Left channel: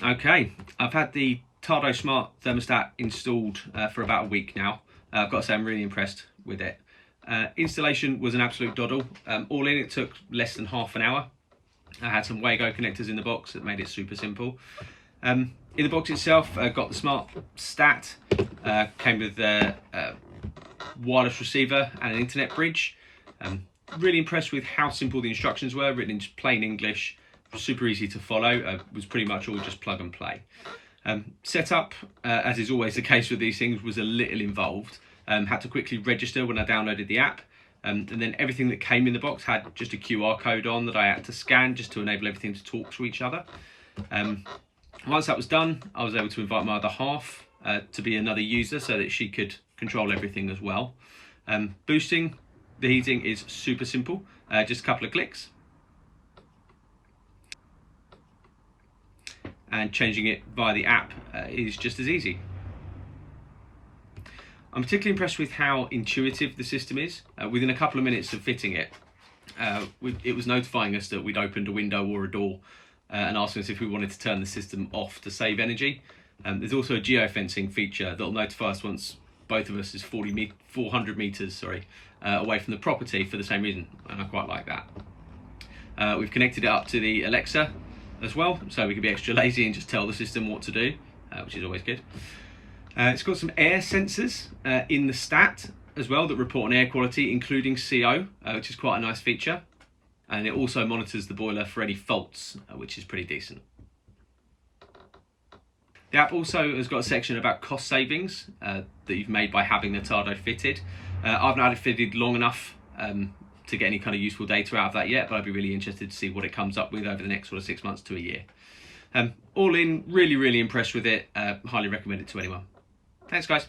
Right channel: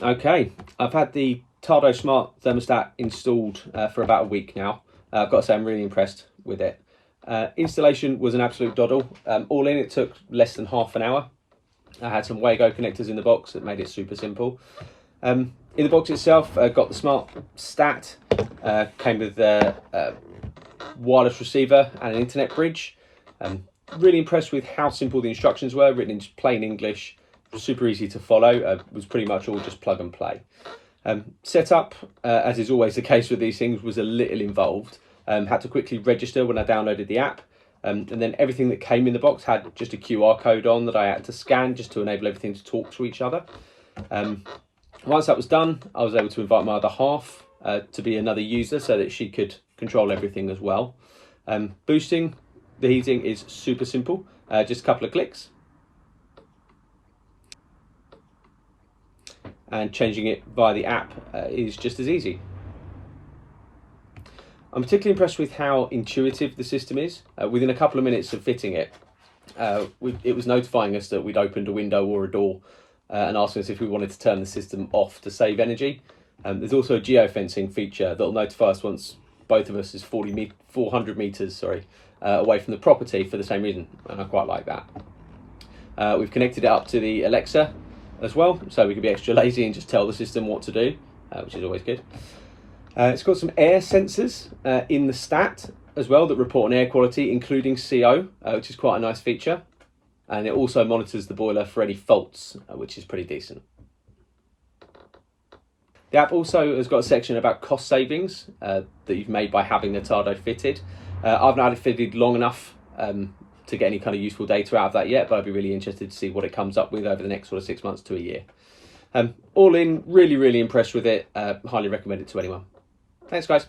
Okay, I've had the Tado Smart Thermostat installed for about a week now. I've got to say I'm really impressed with it. Installation was an absolute doddle. All in, it took less than half an hour. I had some Wago connectors in the box that made it super simple. In the box itself, got the Smart Stat, came with a wireless receiver and an internet bridge. Really impressed with how simple the instructions were, written in just plain English, super easy to follow, was pretty much all just plug and play. Setup, as is always the case with these things, was a little involved. Had to quickly register when I downloaded the app. And then everything that came in the box had just a QR code on that I had to scan just to enable everything to talk to each other. Once that was done, I was able to invite my other half to be another user so that she could control everything as well. Boosting the heating is super simple, just a couple of clicks. And changing it via the app is just as easy. I'm particularly impressed with how intuitive the system is. Within a couple of minutes of fitting it, it was notifying us that we'd opened a window or a door and asking us if we wanted to turn the system off to save energy. There's also a geofencing feature that'll notify us once both of us is 400 meters away from the property for the same reason, and I quite like that. We've connected it up to the Alexa as well, so we can be extra lazy and just tell the system what to do, which is always good. It's got some air sensors in the stat as well that report on air quality, including CO, which is quite a nice feature. And it also monitors the boiler for any faults, which is pretty decent. The app also has got a section about cost savings that you've made by having the Tado fitted. I've not had it fitted long enough to get any kind of useful data out of that yet, but I'd be really interested to see what it comes up with over the next sort of 6 months to a year. All in, really impressed with it. Highly recommend it to anyone. Thanks, guys.